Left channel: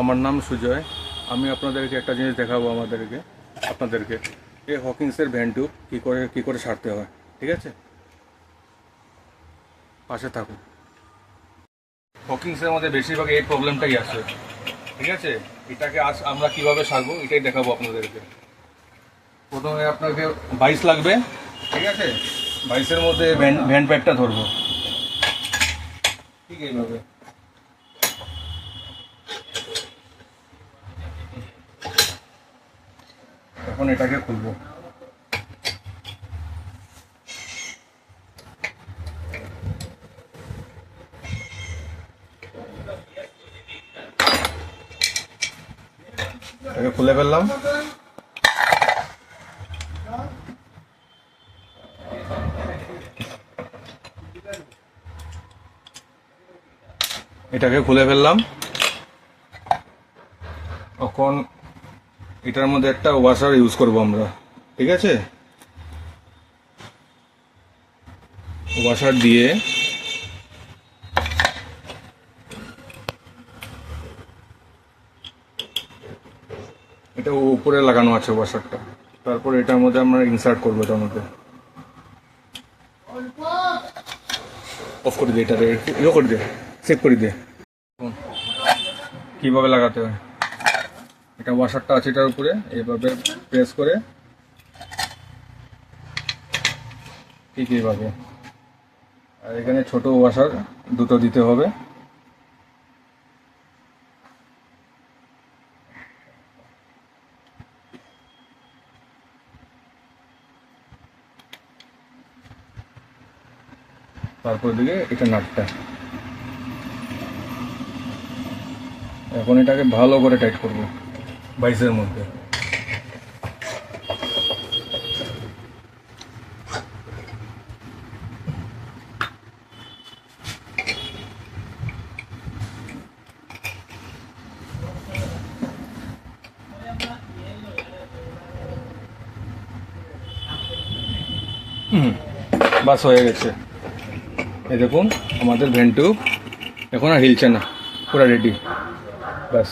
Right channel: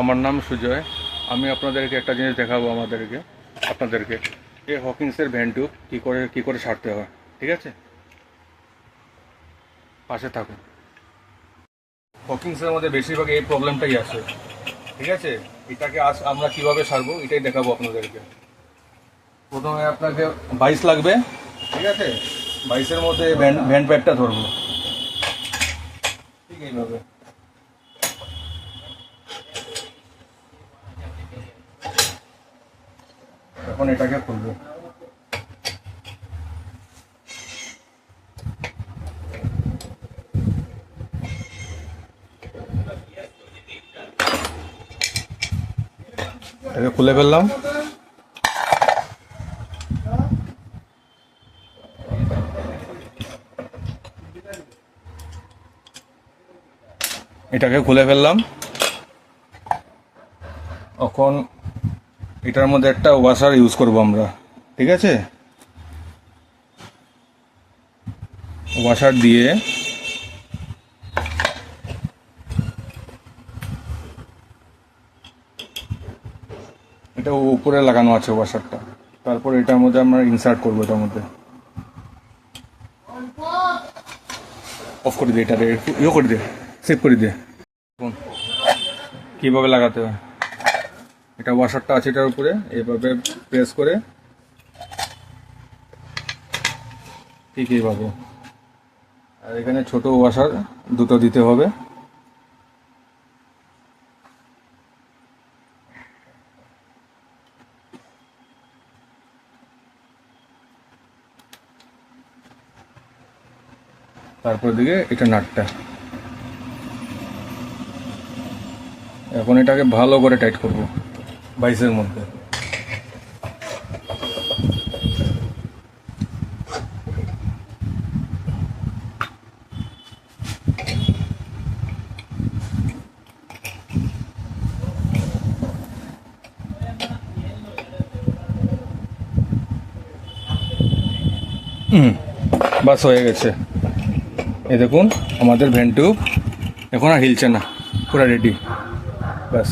আমার নাম সুজয়। আমি আপনাদেরকে একটা জিনিস দেখাবো আপনাদেরকে এই হকিংসের ভ্যান টিউব কী করে সারতে হয়। ঠিক আছে, পাশে থাকুন। হকিংসের মধ্যে বেশিরভাগ এই প্রবলেমটাই আসে। ঠিক আছে, এটাকে আজ আমরা কিভাবে সারবো এটাই দেখাবো আপনাদেরকে। প্রথমে আপনাকে 22 লাগবে। ঠিক আছে, 22-এর মধ্যে ভ্যান প্যাডটা ধরবো। ঠিক এইভাবে এখন এটাকে খুলবো। এটাকে খুলে ফেললাম। এটাকে খুলে ফেললাম। এখন এটার মধ্যে একটা ওয়াশার ইউজ করব আমরা। ঠিক আছে, ওয়াশার দিয়ে এটা উপরে লাগানো আছে ওয়াশারটা। তারপর এটার মধ্যে আমরা ইনসার্ট করবো। এটার মধ্যে অফ করে দিয়ে এটাকে ইয়ে করে দিয়ে সেভ করে দিয়ে কীভাবে লাগাতে হয়। এটা ওয়াশারটা আছে এটার উপরে, এইভাবে প্রেস করে ঠিক এইভাবে। আর এখানে ছোট ওয়াশার দুটো দিতে হবে। তারপর দিকে এটা নাটটা। এখন এটাকে ভালো করে টাইট করব 22-এর মধ্যে। বাস হয়ে গেছে। এই দেখুন আমাদের ভ্যান টিউব এখন আর হিলছে না, পুরো রেডি। বাস।